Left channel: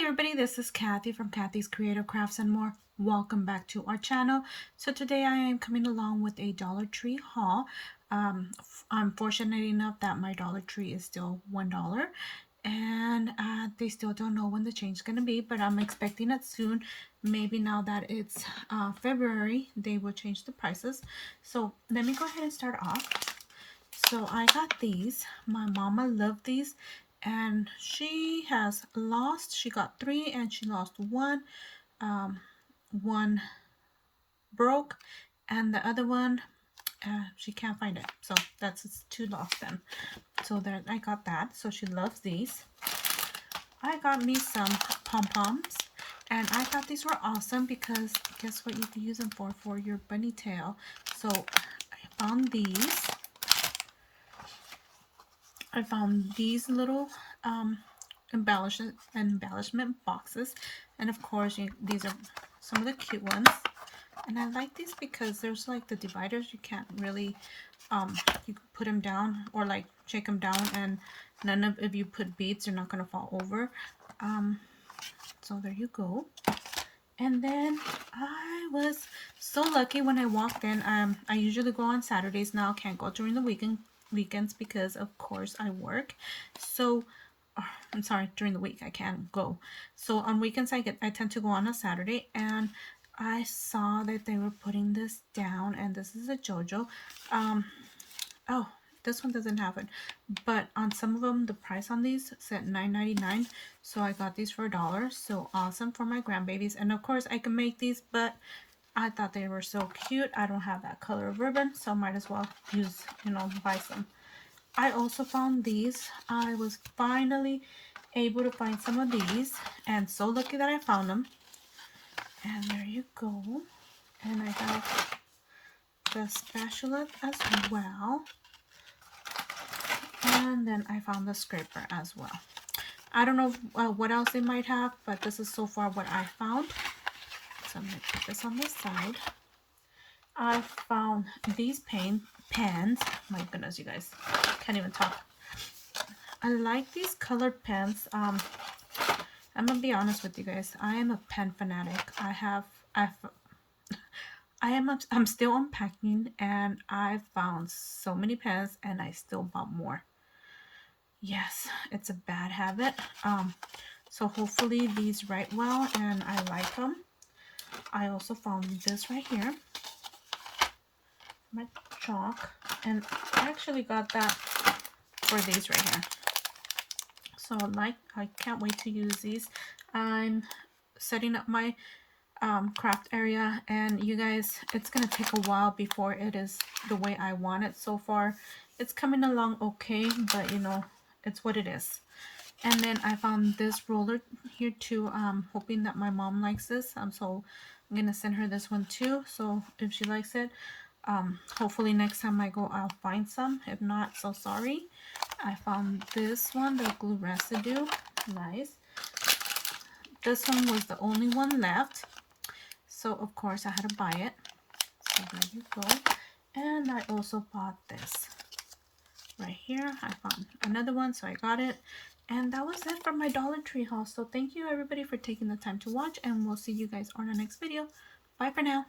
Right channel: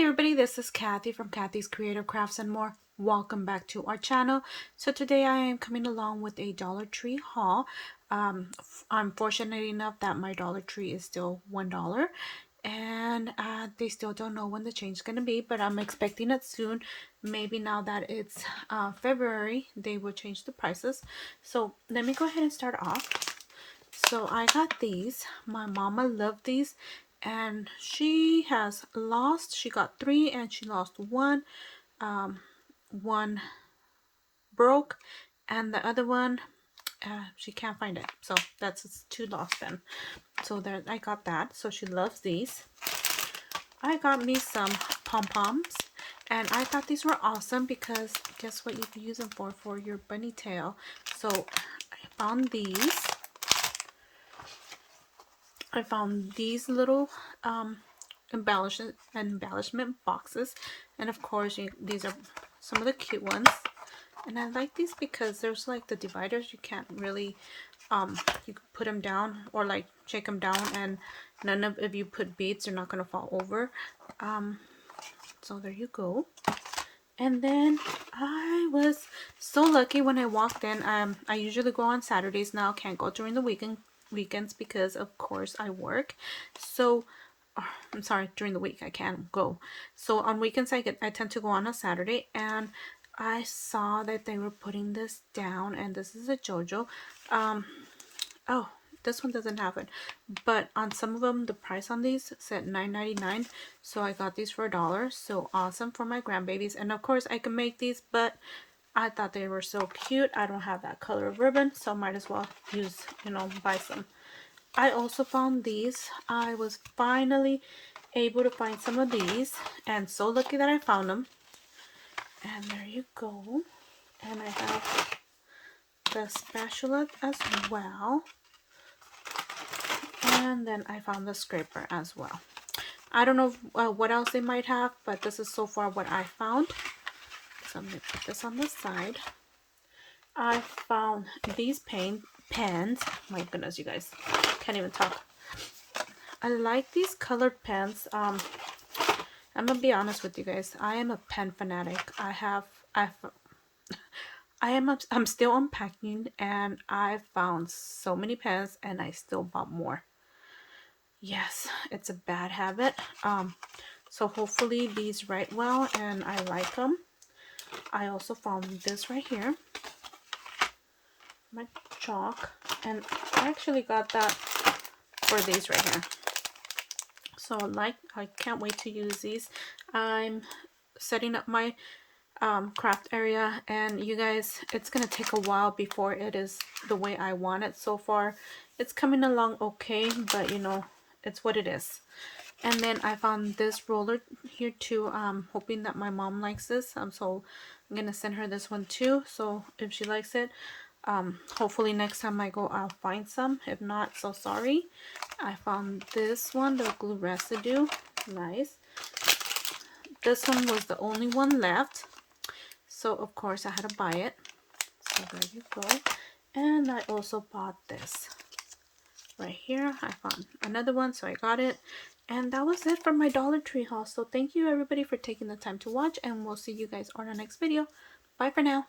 Hi everybody, this is Kathy from Kathy's Creative Crafts and More. Welcome back to our channel. So today I am coming along with a Dollar Tree haul. I'm fortunate enough that my Dollar Tree is still $1 and they still don't know when the change is going to be, but I'm expecting it soon. Maybe now that it's February, they will change the prices. So let me go ahead and start off. So I got these. My mama loved these and she got 3 and she lost one. One broke and the other one she can't find it, so that's 2 lost then. So there, I got that. So she loves these. I got me some Pom-Poms and I thought these were awesome because guess what you can use them for your bunny tail. So I found these little embellishment boxes, and of course these are some of the cute ones. And I like these because there's like the dividers. You can't really you can put them down or like shake them down, and if you put beads, they're not going to fall over. So there you go. And then I was so lucky when I walked in. I usually go on Saturdays now. Can't go during the weekends because of course I work. So I'm sorry, during the week I can't go. So on weekends I tend to go on a Saturday, and I saw that they were putting this down, and this is a JoJo. Oh, this one doesn't have it, but on some of them the price on these said $9.99, so I got these for $1. So awesome for my grandbabies. And of course I can make these, but I thought they were so cute. I don't have that color of ribbon, so might as well use, buy some. I also found these. I was finally able to find some of these, and so lucky that I found them. And there you go. And I have the spatula as well. And then I found the scraper as well. I don't know what else they might have, but this is so far what I found. So I'm going to put this on the side. I found these pens. My goodness, you guys. Can't even talk. I like these colored pens. I'm going to be honest with you guys. I am a pen fanatic. I'm still unpacking, and I found so many pens, and I still bought more. Yes, it's a bad habit. So hopefully these write well and I like them. I also found this right here, my chalk, and I actually got that for these right here. So I can't wait to use these. I'm setting up my craft area, and you guys, it's gonna take a while before it is the way I want it. So far it's coming along okay, but it's what it is. And then I found this roller here too, hoping that my mom likes this. So I'm gonna send her this one too, so if she likes it, hopefully next time I go I'll find some. If not, so sorry. I found this one, the glue residue. Nice. This one was the only one left, so of course I had to buy it. So there you go. And I also bought this right here. I found another one, so I got it. And that was it for my Dollar Tree haul. So thank you everybody for taking the time to watch, and we'll see you guys on our next video. Bye for now.